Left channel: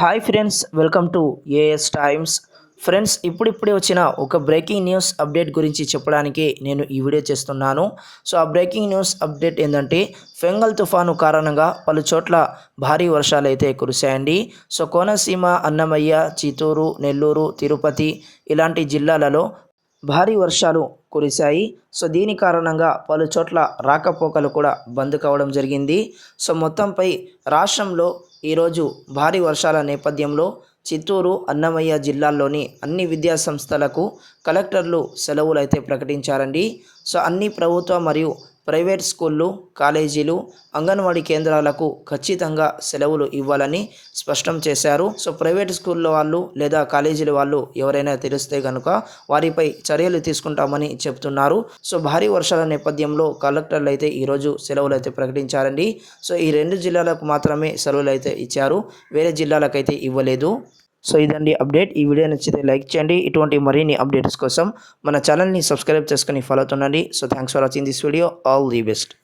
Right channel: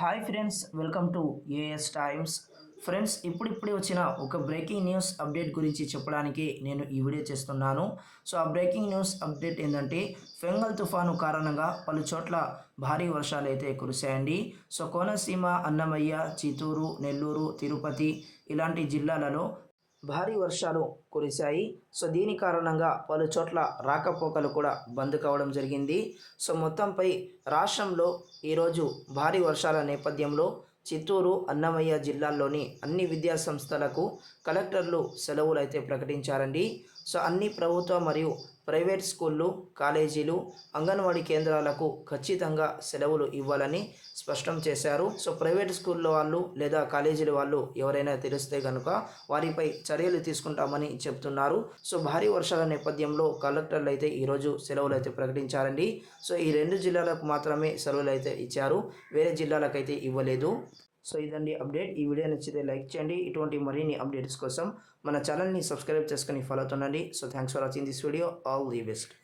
Hi friends welcome to AS Times friends ఇప్పుడిప్పుడే వచ్చిన ఒక బ్రేకింగ్ న్యూస్ అప్డేట్ గురించి చెప్పడానికి నేను ఈ వీడియో చేస్తున్నాను. సో ఆ బ్రేకింగ్ న్యూస్ అప్డేట్ ఏంటంటే ఫెంగల్ తుఫాను కారణంగా పలు చోట్ల భారీ వర్షాలు అయితే కురిశాయండి. సో కోనసీమ అన్నమయ్య చిత్తూరు నెల్లూరు తిరుపతి ఇలాంటి జిల్లాలలో భారీ వర్షాలు కురిశాయి. సో దీని కారణంగా పలు చోట్ల రాకపోకలు కూడా బంద్ కావడం జరిగింది. సో మొత్తంపై రాష్ట్రంలో ఈరోజు భారీ వర్షాల నేపథ్యంలో చిత్తూరు అన్నమయ్య జిల్లాల్లోని అన్ని విద్యా సంస్థలకు కలెక్టర్లు సెలవులు అయితే ప్రకటించారండి. సో అన్ని ప్రభుత్వ మరియు ప్రైవేట్ స్కూళ్ళు కాలేజీలు అంగన్వాడీ కేంద్రాలకు ఖచ్చితంగా సెలవులు ఇవ్వాలని స్పష్టం చేశారు. సో ప్రైవేట్ స్కూల్లో వాళ్ళు లేదా కాలేజీల వాళ్ళు ఎవరైనా తెలిస్తే కనుక వారిపై చర్యలు తీసుకుంటామని చెప్తున్నారు. సో భారీ వర్షాల నేపథ్యంలో కలెక్టర్లు అయితే ఈరోజు సెలవులు అయితే ప్రకటించారండి. సో ఈ రెండు జిల్లాలకు మాత్రమే సెలవులు అయితే ఇచ్చారు. వేరే జిల్లాలకైతే ఇవ్వలేదు. సో ఇదండి అప్డేట్. ఈ వీడియో నచ్చితే లైక్ చేయండి. ఇటువంటి మరిన్ని అప్డేట్స్ కోసం మన ఛానల్ని సబ్స్క్రైబ్ చేసుకుని follow అవుతుండండి so thanks for watching this video all the best